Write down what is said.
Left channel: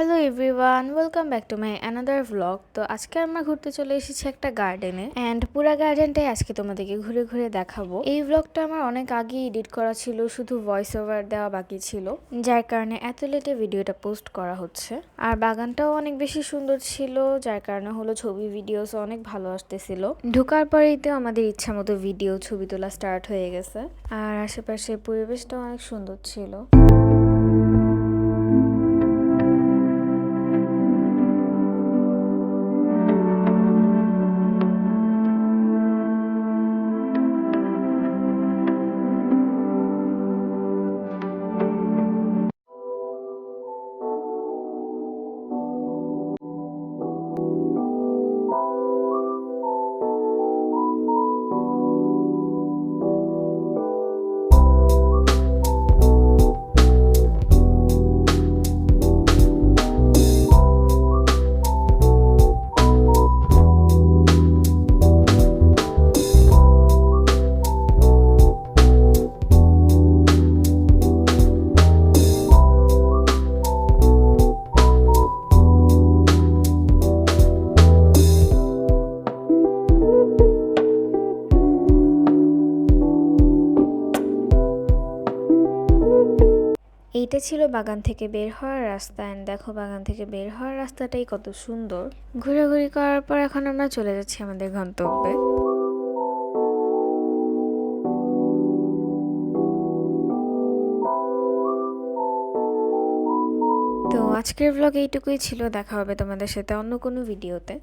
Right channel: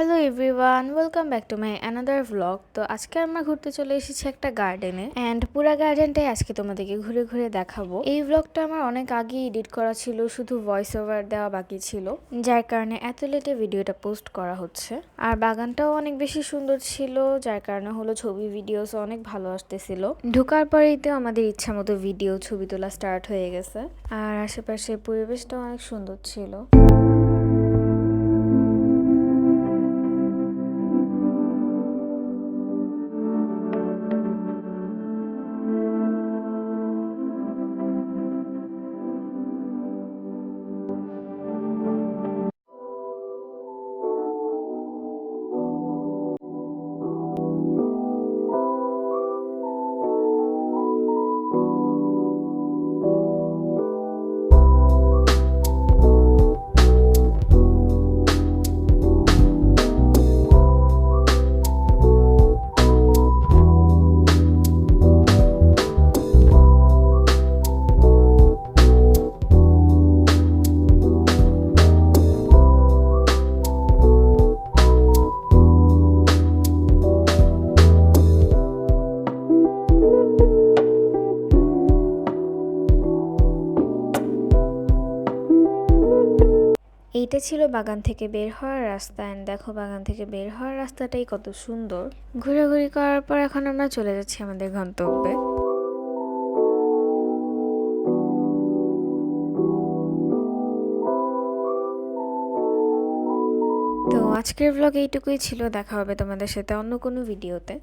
Hello everyone, welcome back to my another vlog. তো আজকে আমরা ঘুরতে চলে এসেছি একটা গার্ডেনে অ্যান্ড পুরা গার্ডেনটাই আজকে তোমাদেরকে ঘুরে ঘুরে দেখাবো। এই ভ্লগটা আমার অনেক আগে এডিট করা ছিল, শুধু ভয়েস ওভার দেওয়া বাকি ছিল, যার কারণে এত লেটে ভিডিওটা পোস্ট করা হচ্ছে। আর বাগানটাও অনেক বেশি সুন্দর ছিল, যার কারণে হলো ছবি ভিডিওস অনেক ভালো আসতেছিল। ঢোকার পরেই তো আমাদের ইচ্ছা মতো ভিডিও ছবি তোলা স্টার্ট হয়ে গেছে। আর আশেপাশে পরিবেশটাও অনেক সুন্দর ছিল। এইটা ছিল বাগান থেকে বের হওয়ার রাস্তা এন্ড দেখো বাগান থেকে বের হওয়ার রাস্তাটাই কত সুন্দর। ঘোরাঘুরি করার পর এখন আমরা চলে যাচ্ছি আমাদের গন্তব্যে। তো আজকের ব্লগ এইটুকুই ছিল, দেখা হবে তোমাদের সাথে অন্য কোনো ভিডিওতে।